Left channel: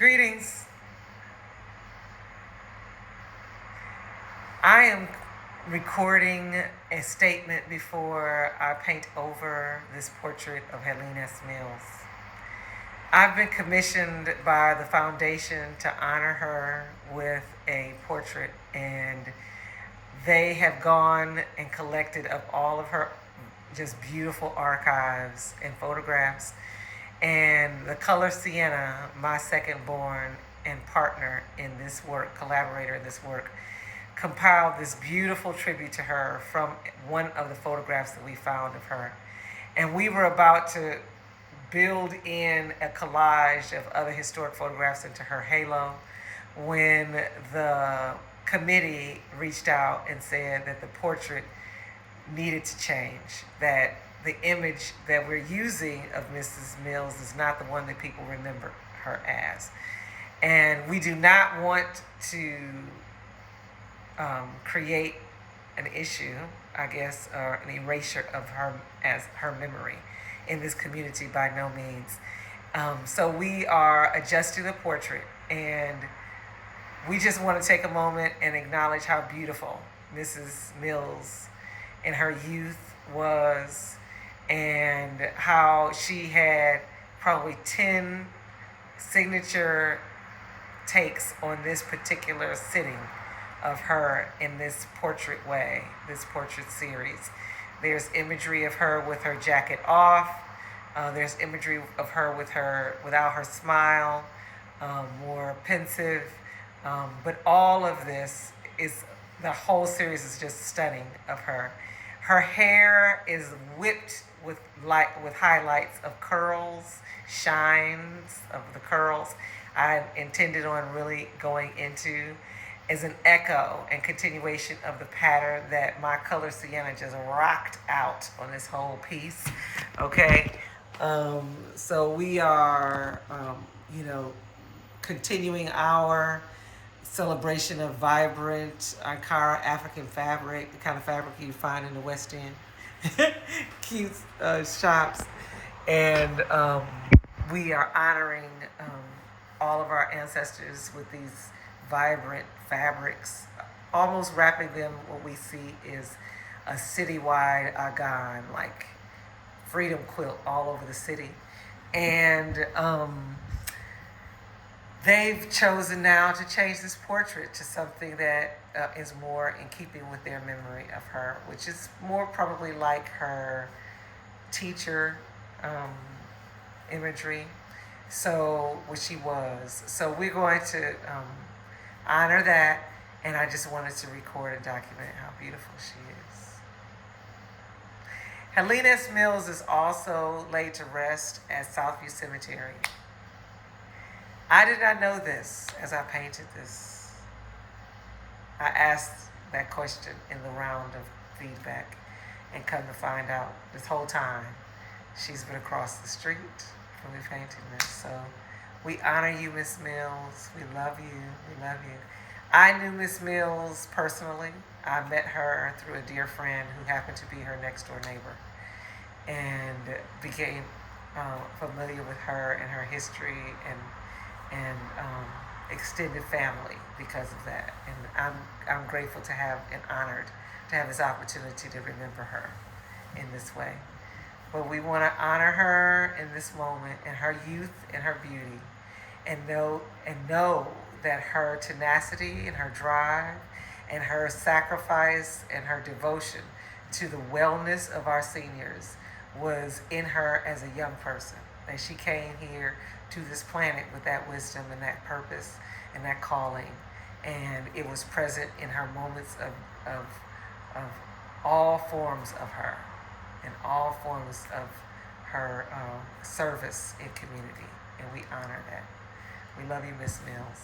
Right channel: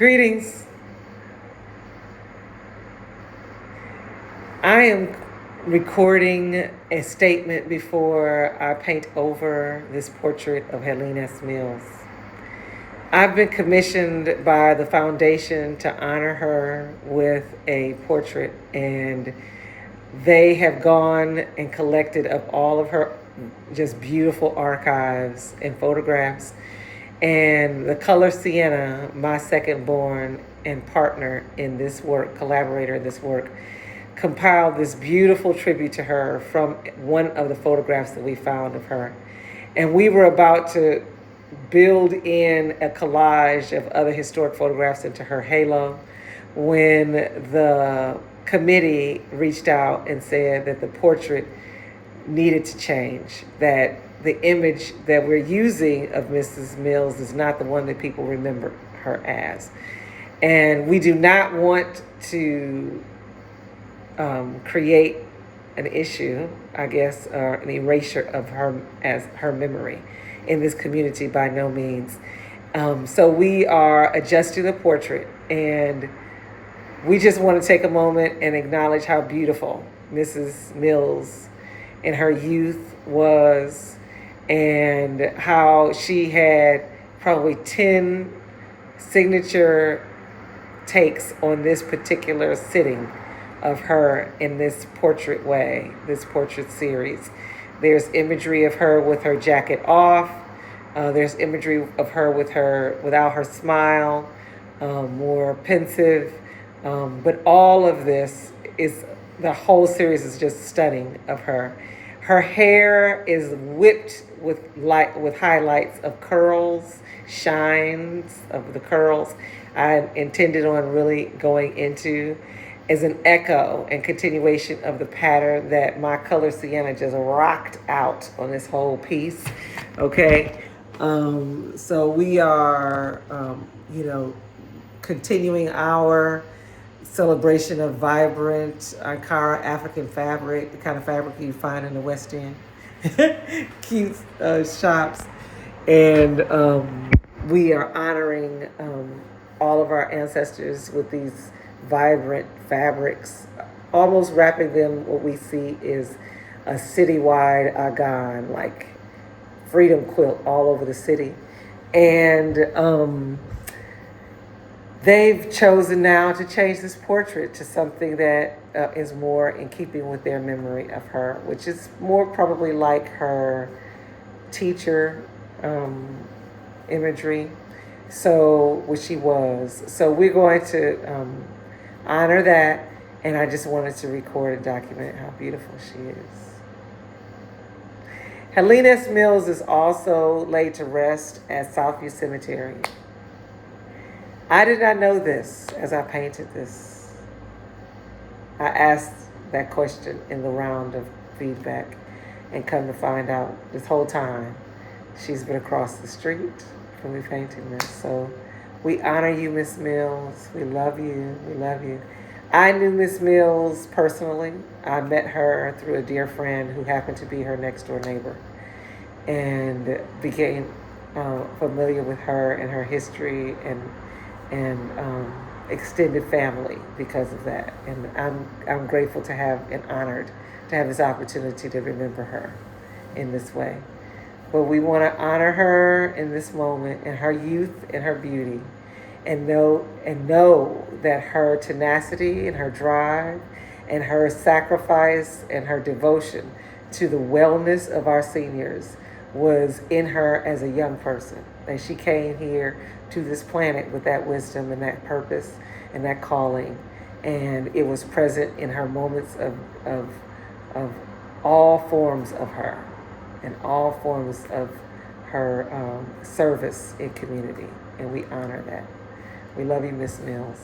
Greetings. I am recording a statement before I paint over this portrait of Helene Mills. I've been commissioned by the foundation to honor her with a portrait, and they have gone and collected up all of her just beautiful archives and photographs. And the color sienna, my second born and partner in this work, collaborator in this work, compiled this beautiful tribute to her from one of the photographs that we found of her. And we were about to build in a collage of other historic photographs into her halo when the committee reached out and said that the portrait needed to change, that the image that we're using of Mrs. Mills is not the one that people remember her as. And we do not want to create an issue, I guess, or an erasure of her as her memory in this community, by no means. So we are adjusting the portrait, and we just want to take a moment and acknowledge how beautiful Mrs. Mills in her youth was, and how she had probably 10 signature takes on this particular sitting of her in this portrait way, this portrait series. There's imagery of her with her jacket off. There's imagery of her without her smile, more pensive. But all of this the whole series is just stunning of her. Her hair is whipped with highlights of curls, shines of the curls. I intended on really going into as an echo and continuation of the pattern that my color sienna just rocked out on this whole piece. Okay, so we are, continuing our celebration of vibrant Ankara African fabric, the kind of fabric you find in the West End, cute shops, and we are honoring all of our ancestors with these vibrant fabrics, almost wrapping them. What we see is a citywide agan, like freedom quilt all over the city, and they've chosen now to change this portrait to something that is more in keeping with their memory of her, which is more probably like her teacher imagery, so which she was. So we're going to honor that, and I just wanted to record and document how beautiful she is. Helene Mills is also laid to rest at Southview Cemetery. I did not know this as I painted this. I asked that question in the round of feedback, and come to find out this whole time she's been across the street from me painting this. So we honor you, Miss Mills. We love you. We love you. I knew Miss Mills personally. I met her through a dear friend who happened to be her next door neighbor, and became familiar with her and her history and extended family because of that. And I'm grateful to have and honored to have this opportunity to remember her in this way. But we want to honor her in this moment, in her youth and her beauty, and know that her tenacity and her drive and her sacrifice and her devotion to the wellness of our seniors was in her as a young person. And she came here to this planet with that wisdom and that purpose and that calling. And it was present in her moments of all forms of her and all forms of her service in community. And we honor that. We love you, Miss Mills.